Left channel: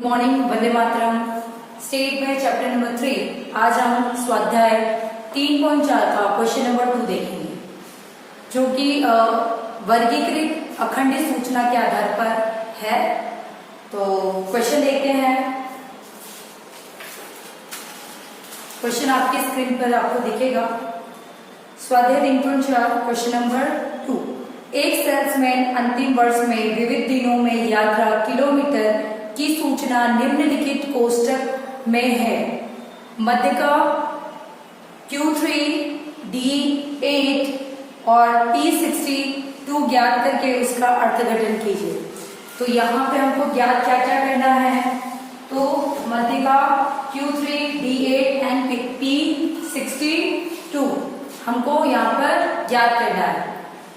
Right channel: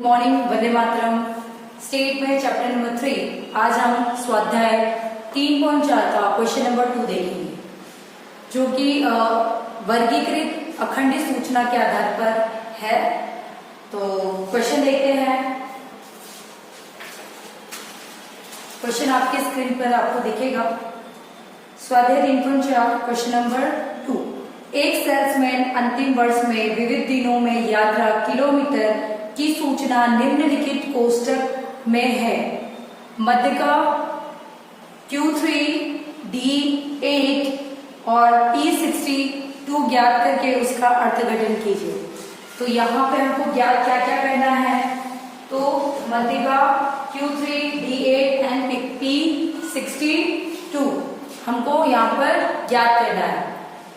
Morning, Vande Mataram. State में chapter number 3 आज हम स्वाध्याय 3.4 का क्वेश्चन नंबर 2 देखेंगे, जो कि वर्गीकृत अखंडित सूचना के आधार पर है। तो क्वेश्चन देखते हैं। क्वेश्चन आपके स्क्रीन पर आपको दिखेगा। स्वाध्याय 3.4 क्वेश्चन नंबर 2। एक सेल्समैन अंतिम वर्ष में विविध दिनों में यात्रा किलोमीटर की सूचना निम्नलिखित कोष्टक में है। मध्यका Q3, D8 और T62 ज्ञात करके उसका अर्थघटन कीजिए। तो यहाँ पे हमको ज्ञात क्या क्या करना है, तो मध्यका Q3, D8 एंड T62 हमको यहाँ पर ज्ञात करना है।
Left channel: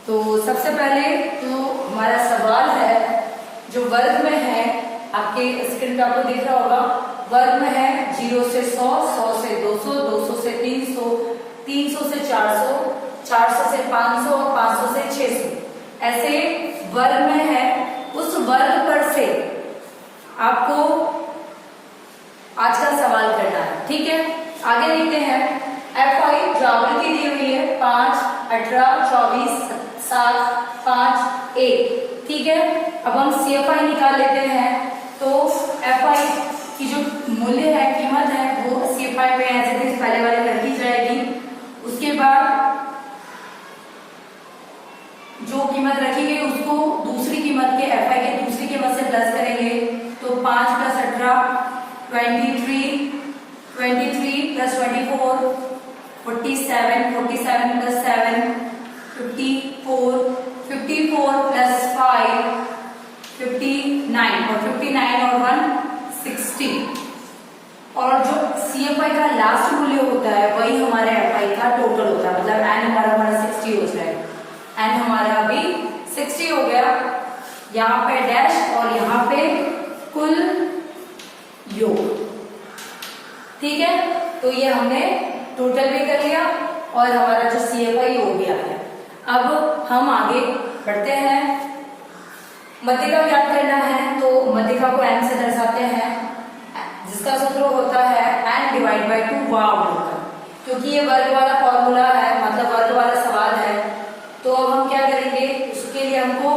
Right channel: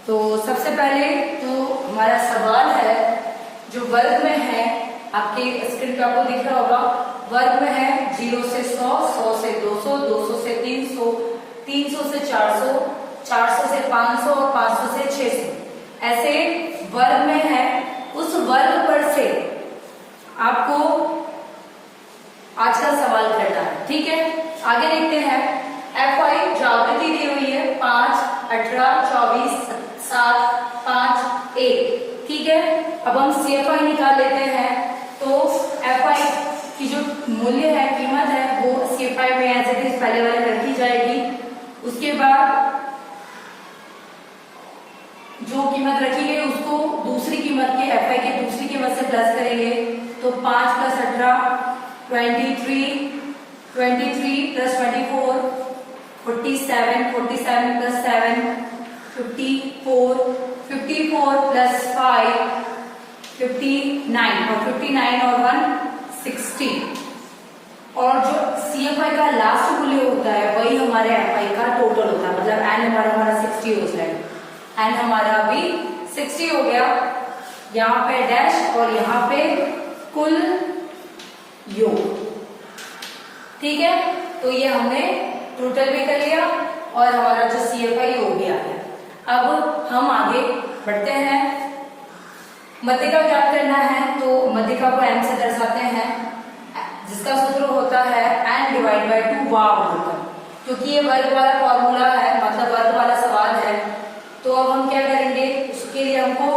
तो सबसे पहले तो हमारा सवाल है जो वर्ग में है, आपके स्क्रीन पर आपको दिख रहा होगा। वर्ग में है 0 से 100, 100 से 200, 200 से 300, 300 से 400, 400 से 500 और 500 से 600 ऐसे वर्ग में है। उस वर्ग पर से आपको आज का सवाल करना है, ठीक है। आगे लिखते हैं। FI जो आवृत्ति दी हुई है 5, 18, 24, 7, 5, 1, ठीक है। अब हम CFI निकाल लेते हैं। तो FI की जो मूल्य है, कीमत है, वो CFI में एज इट इज पहले वाले रखी जाएगी। उसके बाद जो कीमत रखी गई उसको दूसरी कीमत के FI के दूसरी कीमत से प्लस करेंगे। तो 5 + 18 23, 23 + 24 47, 47 + 7 54, 54 + 5 59 और 59 और 1 60। और जो CFI का लास्ट मूल्य होता है वही हमारे FI का टोटल होता है। मतलब N हमारा 60 हो जाए। N हमारा अभी 60 हो गया। यहाँ पे डैश और यहाँ पे कुल योग, ठीक है। तो ये हमने टोटल भी कर लिया और हमारा जो CFI हो गया है। अब हम आगे बढ़ते हैं। मध्यका ज्ञात करना है, तो मध्यका को N से दर्शाते हैं, जिसका सूत्र होता है N/2 वाव। क्योंकि ये वर्ग वाला फॉर्मूला है, मतलब वर्ग वाला सवाल है, तो अब हम क्या करेंगे, उसके लिए हमको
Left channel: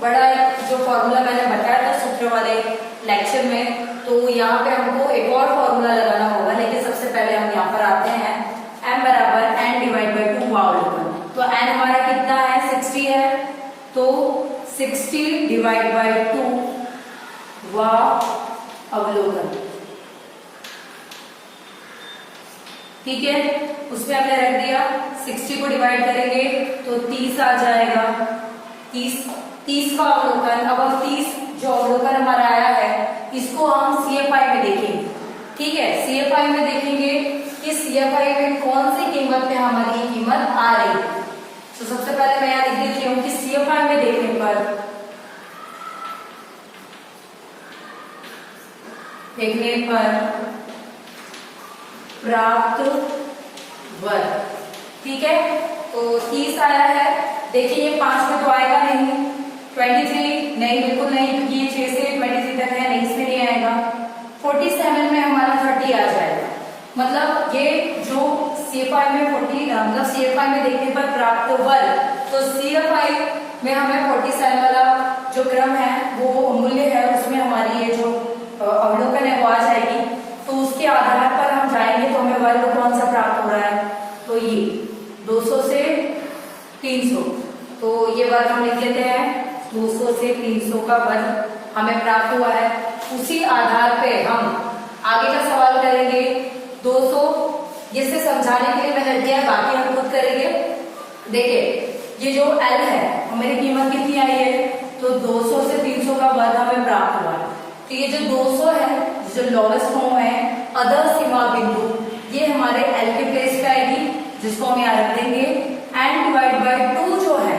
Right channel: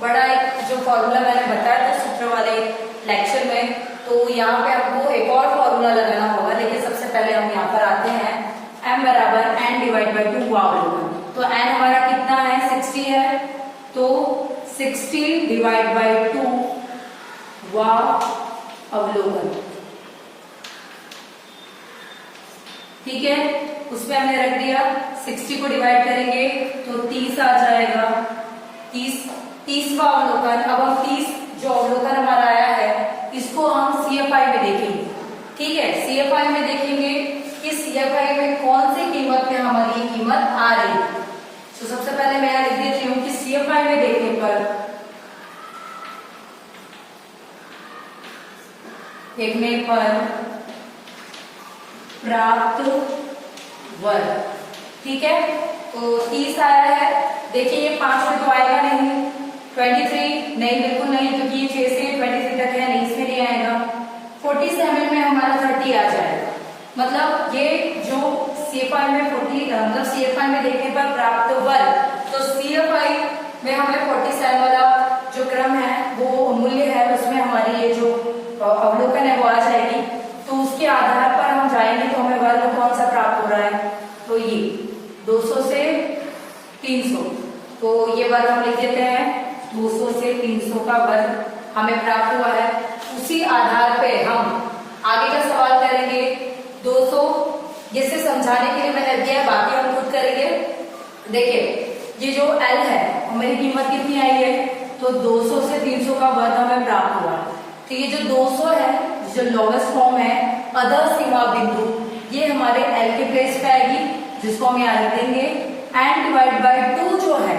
बड़ा एक जो फॉर्मूला मैंने बताया था सूत्र वाले लेक्चर में, तो यहाँ पे हमको एक और फॉर्मूला लगाना होगा। लेकिन सबसे पहले हम यहाँ पर आते हैं। M = N/2 वाव। तो N हमारा कितना है, 60 है। तो 60/2 वाव अवलोकन, ठीक है। उसमें हमने रख दिया। 60 को डिवाइड करेंगे तो 30 आ जाएगा। 30वां अवलोकन। अब हम 30 जो अवलोकन हमारा आया है इसको हम CFI में देखेंगे, ठीक है। CFI में देखेंगे कि CFI में कौन सी कीमत पे हमारी कीमत आ रही है। तो सबसे पहले मैं यहाँ लिख देती हूँ कि CFI में देखने पर प्राप्त वर्ग, ठीक है। तो 30 आया है। देखिए ये 5 में तो आएगा नहीं, 23 नहीं, बिल्कुल नहीं, क्योंकि ये 6 से 23 तक है, नहीं, इसमें नहीं आएगा। 47 में हमारा 30 आ जाएगा। मतलब ये जो CFI में 40, मतलब CFI में देखने पर प्राप्त वर्ग, तो CFI में हमें 47 वाला जो क्रम है, वो मूल्य है, उसमें हमारी ये जो अवलोकन है वो आ जाएगी। तो उसके आधार पर हम जाएंगे तो हमें वर्ग कौन सा प्राप्त हो रहा है, तो ये 200 से 300। तो ये वर्ग हम लिख देते हैं। 200 से 300 का वर्ग हमें प्राप्त हुआ है। उसी आधार पे हम आगे का सवाल करेंगे। 200 जिसे समझाने के लिए मैंने दिया है, बाकी हम खुद करेंगे। देखिए ये जो L है, हमारी कीमत कितनी आई है, तो 200 से 300 का वर्ग हमें प्राप्त हुआ। तो ये जो 200 है, जो लोवेस्ट फॉर्म है, अधर सीमा बिंदु, ये हमारे L के प्लेस पे आएगी, जिसको हम यहाँ रख देंगे। N/2 जो है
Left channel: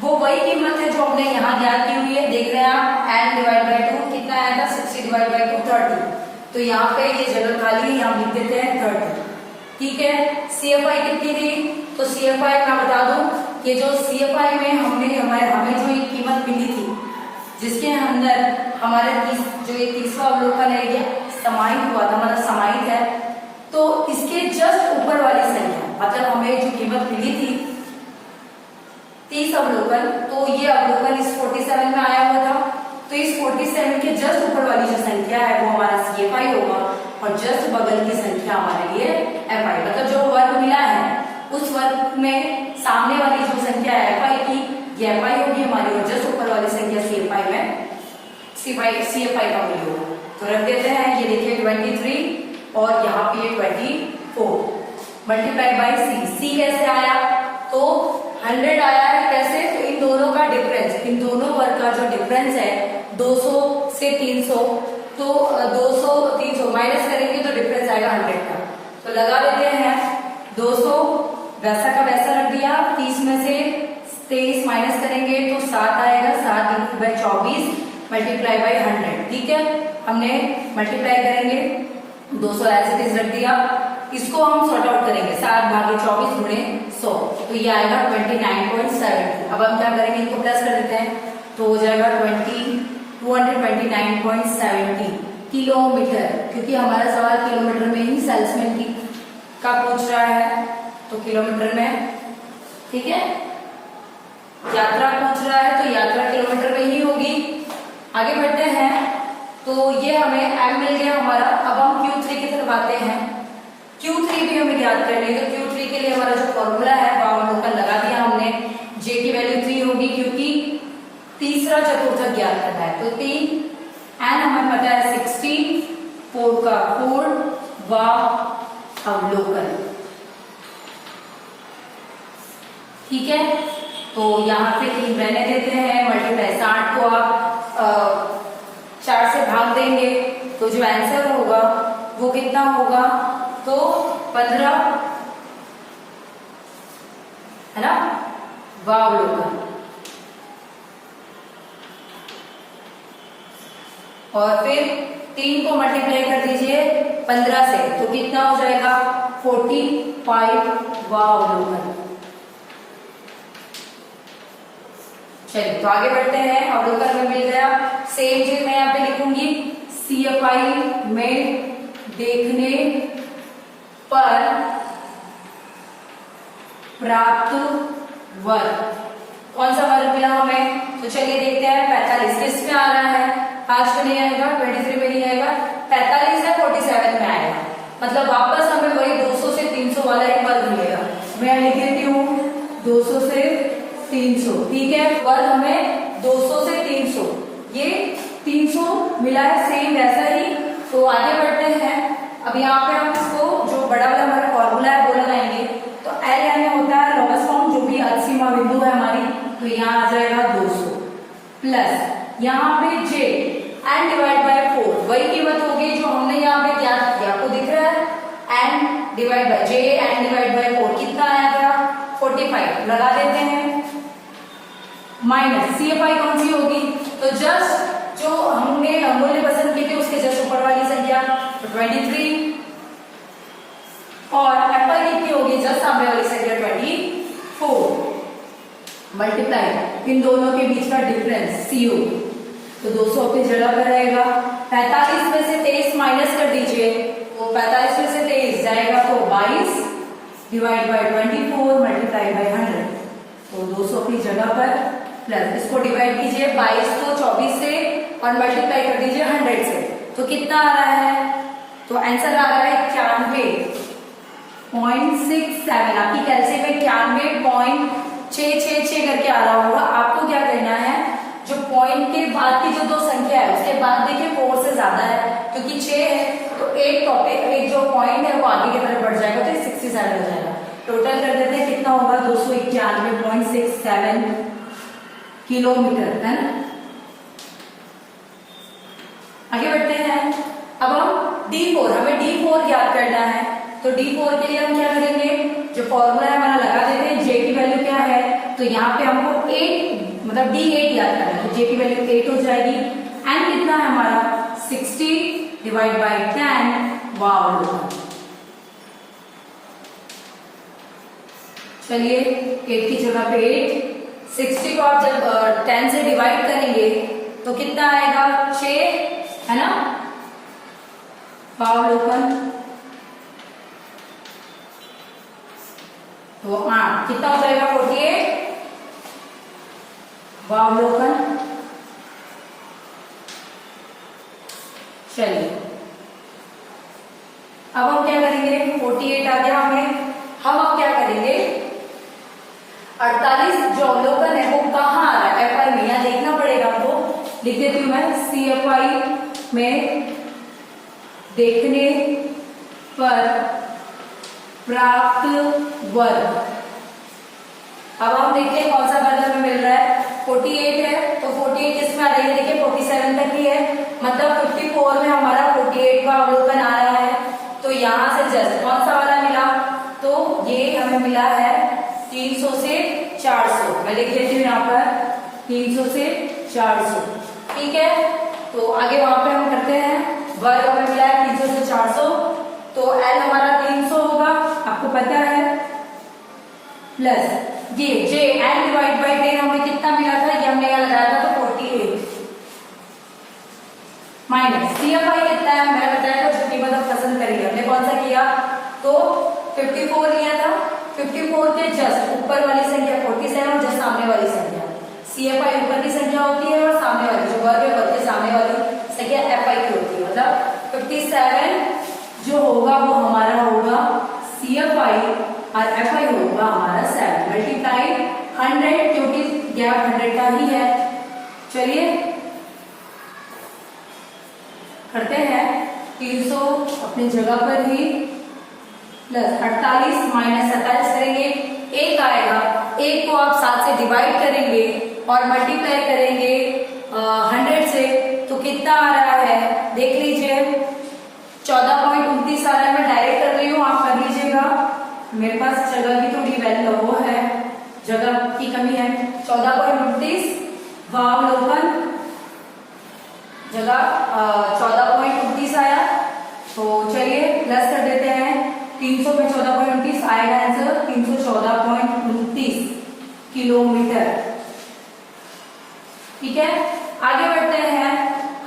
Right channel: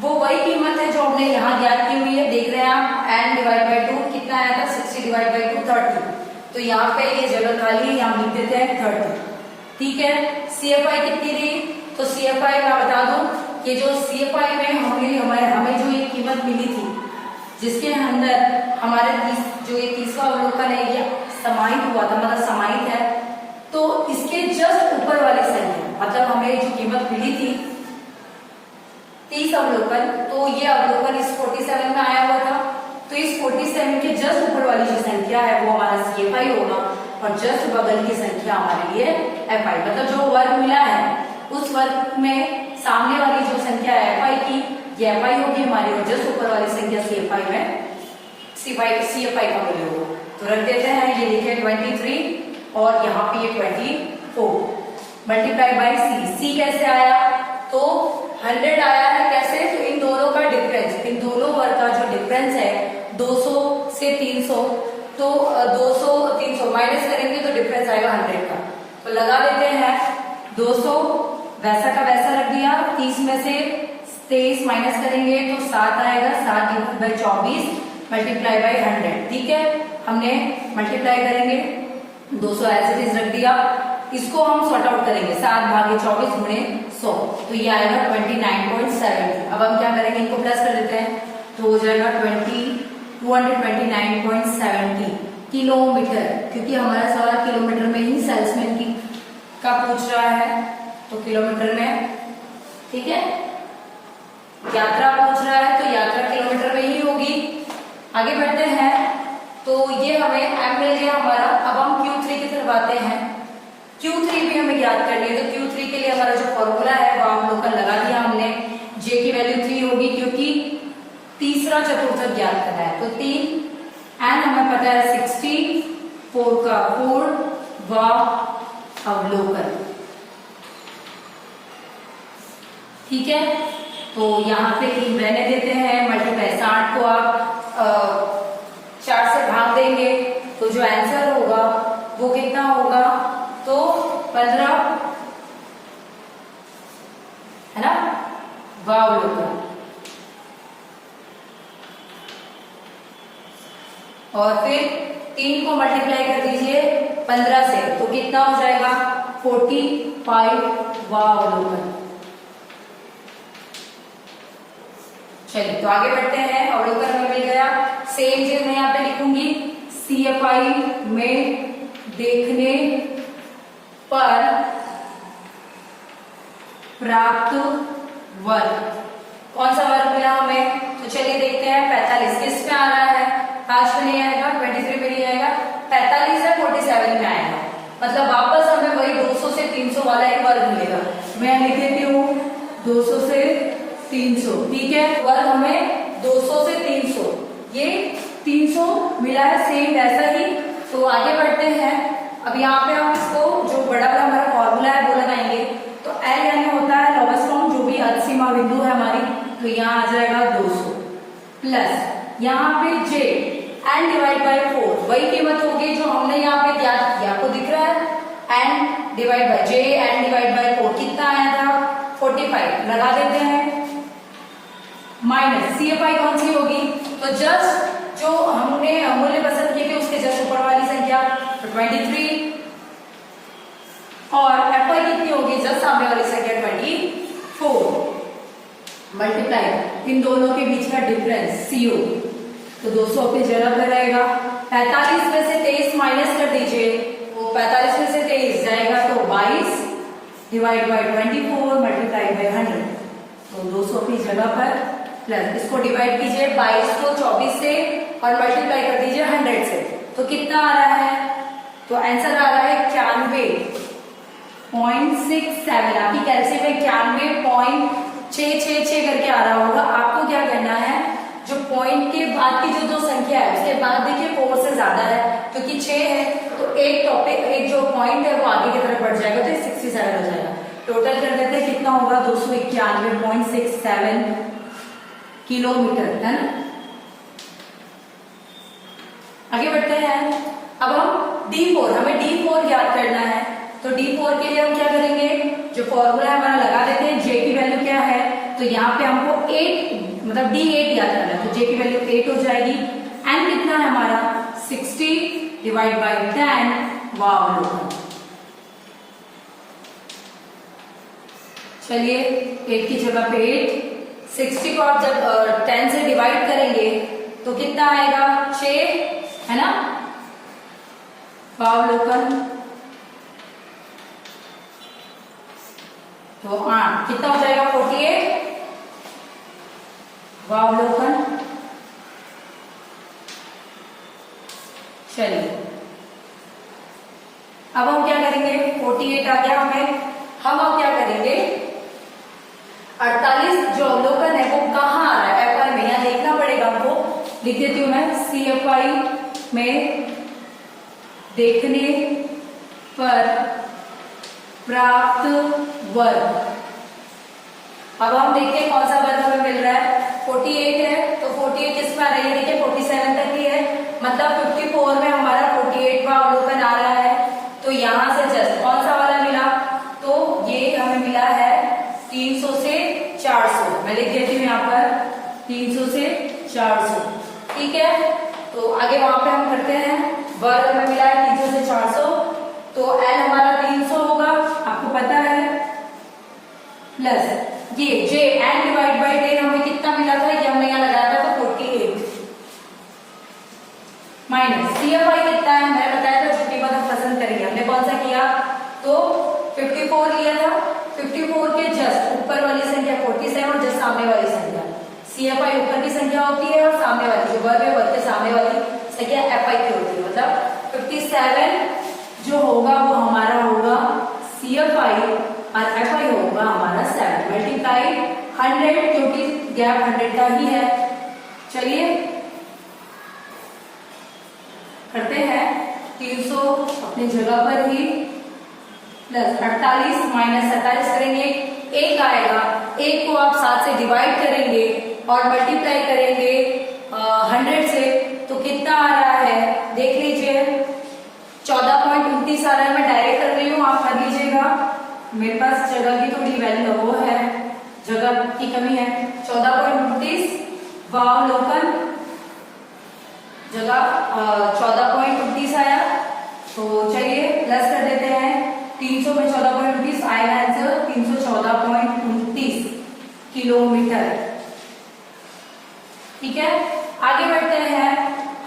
वो वही कीमत है जो हमने यहाँ ज्ञात की हुई है। देख रहे हैं आप, N/2 कितना आया था, 60/2 30। तो यहाँ पे ये जगह खाली है, यहाँ लिख देते हैं 30, ठीक है। CFI कितनी थी, तो CFI मैं बता दूं, ये जो CFI में हमें जो ये कीमत मिली थी जिसके अंदर हमारे जो ये 30वां अवलोकन है ये समाहित हुआ था, मतलब समाहित है। तो इसके जस्ट ऊपर वाली संख्या, मतलब हमें जो कीमत मिली थी 30 अवलोकन, तो ये अवलोकन इस 47 में आया हुआ था। तो इस 47 के जस्ट ऊपर वाली जो संख्या है वो हमारा CFI होगा, और जस्ट बगल की संख्या हमारे लिए FI, मतलब जो वर्ग मिला है उस वर्ग में सामने वाली जो संख्या है FI की, ये FI होगी हमारी, और जस्ट ऊपर वाली संख्या CFI में CFI का मूल्य होगा। तो रख देते हैं, ये देखिए 23 और यहाँ पे ये 24 मल्टीप्लाई बाई C कैसे आया, तो 100 आया है। कैसे, तो इन दोनों का डिफरेंस, इन दोनों वर्ग का जो डिफरेंस है 200 से 300, तो 200 300 माइनस करेंगे तो डिफरेंस आएगा 100 का। तो लगा देते हैं 200 वैसा का वैसा रख दिया, 30 में से 23 माइनस करेंगे तो 7 आएगा, 7 बाई 24 मल्टीप्लाई बाई 100। ठीक है, हमने मल्टीप्लाई करेंगे 200 एज इट इज रख दिया। इसको हम सॉर्ट आउट करेंगे, 7 भागे 24 गुणे 100, तो ये आएगा 29.7। अब हम क्या करेंगे, इनको प्लस कर देते हैं, तो हो जाएगा 229.70 किलोमीटर, क्योंकि हमारा सवाल किलोमीटर में ही सेल्समैन की का पूछ रहा है, तो किलोमीटर में। ठीक है, यात्रा पूछ रहा है तो यात्रा किलोमीटर में ही होगी। आगे बढ़ते हैं, तो ये हमें m मिल गया हमारा। अब हम Q3 की तरफ आते हैं। Q3 भी हमें ज्ञात करनी है, तो Q3 के लिए हमारा जो फॉर्मूला है वो अवलोकन लगा दिया हमने। J की वैल्यू 3 होगी, क्योंकि तीसरा चतुर्थक ज्ञात करना है, तो 3 n हमें पता है 60, 4 का 4 व अवलोकन। ठीक है, तो यहाँ पे रहने देते हैं, मल्टीप्लाई 60 को आप 4 से भाग देंगे तो जो आंसर होगा वो कितना होगा, तो 15 है ना, वावलोकन। और फिर 3 को मल्टीप्लाई कर दीजिए 15 से, तो कितना हो जाएगा 45 वावलोकन। चलिए, तो आगे बढ़ते हैं। अवलोकन में मिल गया, सेम चीज मैं यहाँ पे लिखूंगी, CFI में देखने पर प्राप्त वर्ग। कौन सा वर्ग मिला हमें, तो चलिए देखते हैं। 45 किस में आ रहा है, 5 में नहीं आएगा, 23 में नहीं आएगा, 45 है 47 में आएगा, मतलब वापस हमें वही 200 से 300 वाला एक वर्ग मिलेगा। मैं लिख देती हूँ 200 से 300। ठीक है, वर्ग हमें 200 से 300, ये 300 मिला है, सेम वैसा ही। तो आगे बढ़ते हैं। अब यहाँ पे हम इसको जो बड़ा वाला हमारा फॉर्मूला है वो लगाएंगे, तो L यानी होता है लोवेस्ट फॉर्म, जो भी अधसीमा बिंदु है हमारी, तो यहाँ आ जाएगा 200 प्लस यहाँ पे J n डिवाइड बाय 4, वही कीमत होगी जो हमने यहाँ पे ज्ञात किया, आपको दिख रहा है n divide by J n divide by 4 कितना आया था 45, लगा देते हैं। माइनस CFI कौन सी होगी, तो जस्ट जो हमने मूल्य पसंद किए थे उसके जस्ट ऊपर वाली संख्या, तो 23, और FI कितनी होगी, जस्ट सामने वाली संख्या 24 मल्टीप्लाई इन दोनों के बीच का डिफरेंस CO, तो 200 की जगह पर रहेगा। 45 में से 23 माइनस कर दीजिए, तो 45 में से 23 जाएगा तो 22 डिवाइड बाय 24 मल्टीप्लाई बाय 100, तो 200 की जगह पर प्लस इसको डिवाइड कीजिए 22 को 24 से और मल्टीप्लाई कर दीजिए 100 से, तो कितना आ रहा है, तो आंसर आ रहा है 91.67। आपकी कैलसी में 91.666 करके आ रहा होगा। आपको क्या करना है, जो पॉइंट के बाद की जो दो संख्या है उसके बाद देखिए 4 से ज्यादा है, क्योंकि 6 है तो एक टॉपिक एक जो पॉइंट है वो आगे की तरफ बढ़ जाएगा, तो 67 हो जाएगा। टोटल कर देते हैं कितना होगा, 291.67 किलोमीटर, है ना। आगे बढ़ते हैं। अब हम D4, हमें D4 ज्ञात करना है, तो D4 के लिए हम क्या करेंगे, जो फॉर्मूला है हमारा लगा देते हैं। J की वैल्यू क्या है, तो यहाँ पे हमको 8 मतलब D8 याद करना है, तो J की वैल्यू 8 हो जाएगी। N कितना है हमारा 60 डिवाइड बाई 10 वाव। चलिए 8 की जगह पे 8, 60 को आप जब 10 से डिवाइड करेंगे तो कितना आएगा 6, है ना। वावलोकन तो 8 कितना हो जाएगा 48 वावलोकन। चलिए अब हम क्या करेंगे, 48 आ गया हमें, हम अब क्या करेंगे 48 जो अवलोकन है वो कहाँ आ रहा है, एफआई में, यहां देखना पड़ेगा हमको। लिख देती हूं मैं, सीएफआई में देखने पर प्राप्त वर्ग। अब हम देखते हैं कौन सा वर्ग हमें मिल रहा है, 48 है तो 48 किसमें आ रही है, देखिए 47 तक ही है, मतलब 54 में हमारा 48 का अवलोकन आ रहा है। तो यहां से जस्ट कौन सा वाला मिला, तो ये हमें मिला है 300 से 400, मैं लिख देती हूँ यहाँ पर 300 से 400, ठीक है। तो आगे वहां पे हम करते हैं, वर्ग हमें मिला है 300 से 400, तो एल हमारा 300 होगा, आपको पता है, प्लस ये जे एन डिवाइड बाई 10 हमें कितना मिला था, ये हमने यहाँ लगाया था तो 48 माइनस सीएफआई कितना है, मैंने बताया था जितनी बार आप पसंद करेंगे, हमने कौन सा किया तो 54 लिया था, 54 के जस्ट ऊपर वाली संख्या 47 और जस्ट सामने वाली संख्या, सीएफआई ऊपर की संख्या होती है और सामने वाली जो वर्ग है वर्ग के सामने वाली संख्या एफआई की होती है, मतलब 57 जो होगा वो हमारा होगा सीएफआई और एफआई होगा हमारा 7 मल्टीप्लाई 100 क्योंकि गैप 100 का ही है। चलिए करते हैं, 300 अपनी जगह पर ही प्लस 48 माइनस 47 करेंगे, एक आएगा, एक को आप 7 से डिवाइड करेंगे और मल्टीप्लाई करेंगे 100 से, तो कितना आ रहा है देख लीजिए 14.29 आ रहा है। मैं डायरेक्ट कर रही हूँ, आप कर लीजिएगा, मेरे पास जगह की थोड़ी वैल्यू वो है, जगह की कमी है। 14.29 वावलोकन जगह 14.29 आया, तो चलिए प्लस कर देते हैं, 300 में 14.29 आएगा आंसर 314.29 किलोमीटर, ठीक है। आगे बढ़ते हैं,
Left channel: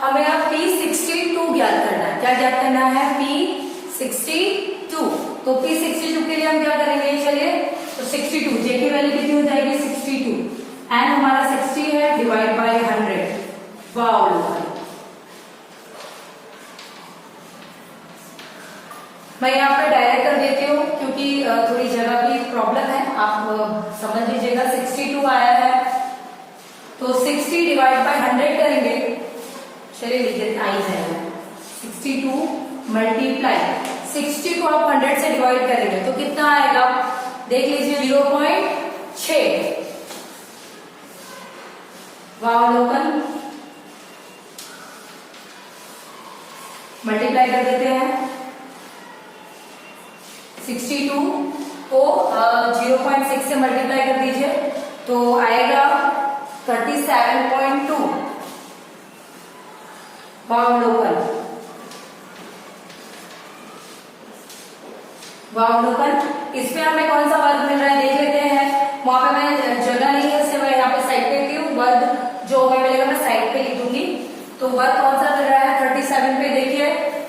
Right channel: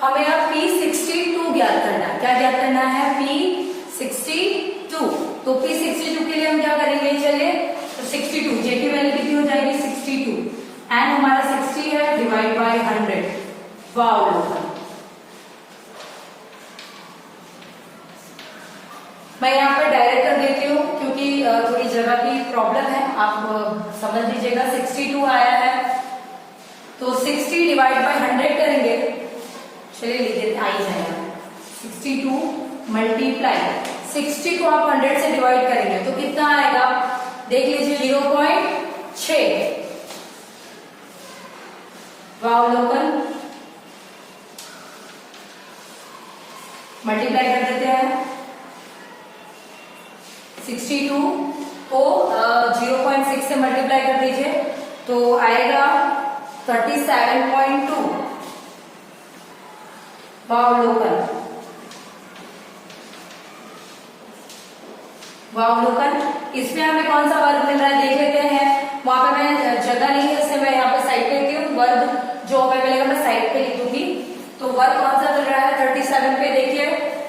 हमें अब P62 ज्ञात करना है, क्या ज्ञात करना है P62, तो P62 के लिए हम क्या करेंगे, चलिए तो 62 जे की वैल्यू कितनी हो जाएगी 62 एंड हमारा 60 है डिवाइड बाय 100 वाव। मैं यहाँ पर डायरेक्ट कर देती हूँ क्योंकि थोड़ी जगह की प्रॉब्लम है, आप समझ लीजिएगा। 62 आया है तो 60 डिवाइड बाय 100 करेंगे, चलिए लिखिए आ ही जाएगा 62 मल्टीप्लाई 60 को आप 100 से डिवाइड करेंगे तो कितना आएगा देख लीजिए 0.6 वावलोकन मल्टीप्लाई कर देते हैं 62 को 0.6 से मल्टीप्लाई कर दीजिए तो आएगा 37.2 वावलोकन। इसमें हमें कौन सा वर्ग मिल रहा है देख लेते हैं। वहां पे मैं जगह नहीं है इससे मैं यहाँ पे साइड पे लेती हूँ, वर्ग जो हमें मिलेगा मैं साइड पे लिख दूंगी। तो वर्ग कौन सा मिल रहा है 37 पे, देखिए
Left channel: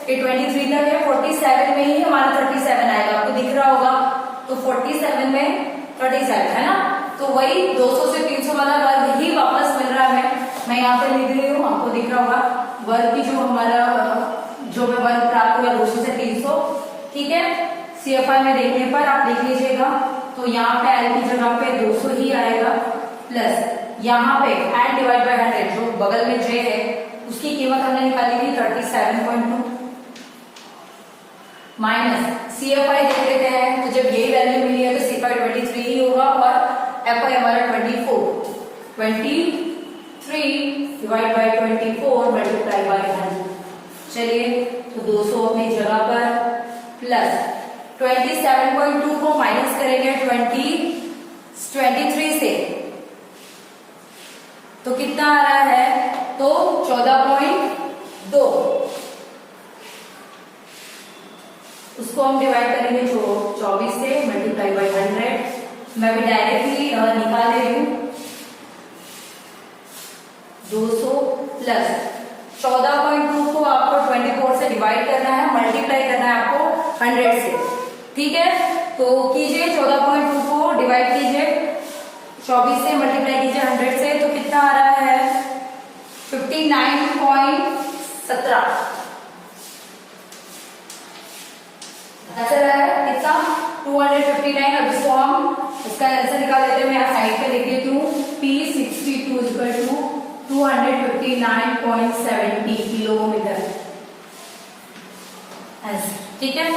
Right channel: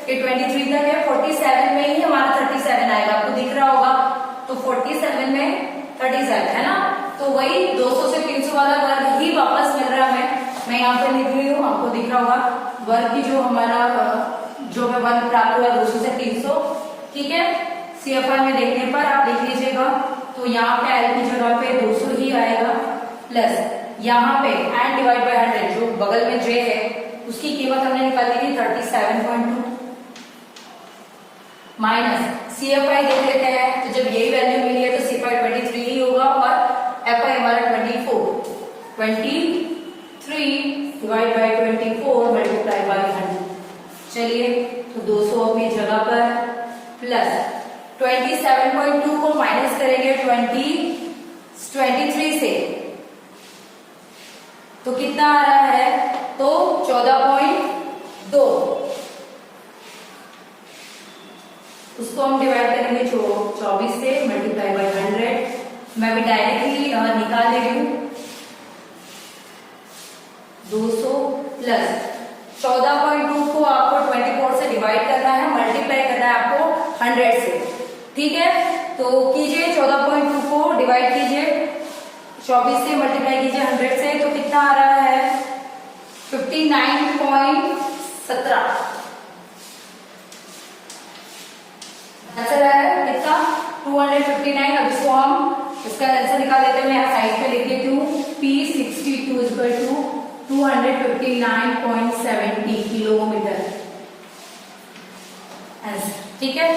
ये 23 तक है, 47 में ही हमारा 37 आएगा, आपको दिख रहा होगा। तो 47 में 37 है ना, तो वही 200 से 300 वाला वर्ग ही वापस मिल रहा है। मैं यहाँ पे लिख रही हूँ, आपको दिख रहा होगा वर्ग की जो हमारा जो हमें वर्ग प्राप्त हुआ 200 से 300, ठीक है। सीएफआई में देखने पर आप देख लीजिएगा तो यहाँ पे एल की जगह पे 200 ही आएगा, प्लस यहाँ पे एल डिवाइड बाय 100 जो बगल में जे है उसकी कीमत हमने निकाली थी 37.2 माइनस सीएफआई देख लेते हैं। तो जब यही वैल्यू मिली है तो सीएफआई 23 ही होगा और एफआई हमारा 23 डिवाइड बाय 24 मल्टीप्लाई बाय 100। चलिए तो 200 अपनी जगह पर प्लस 27.2 को माइनस करेंगे 23 से तो कितना आ रहा है तो 14.2, उसको हम डिवाइड करेंगे 24 से मल्टीप्लाई बाय 100। मैं भी डायरेक्टली निकाल दे रही हूँ 200 प्लस 14.2 को आपको 24 से डिवाइड करना है, मल्टीप्लाई करना है आपको 100 से। ठीक है, तो कीजिए 14.2 को डिवाइड कीजिए 24 से, मल्टीप्लाई कीजिए 100 से, तो कितना आ रहा है 59.17 आंसर आ रहा है कितना 259। अब इसको हम इसका आंसर निकाल लेते हैं। मैं यहाँ साइड पे लिख देती हूँ P62 259.70 किलोमीटर आंसर। ठीक है,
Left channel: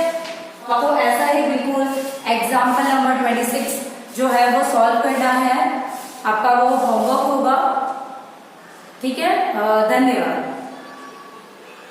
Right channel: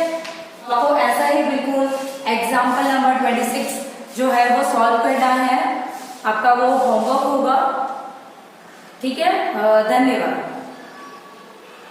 आपको ऐसा ही बिल्कुल एग्जाम्पल नंबर 26 जो है वो सॉल्व करना है, आपका वो होमवर्क होगा। ठीक है, धन्यवाद।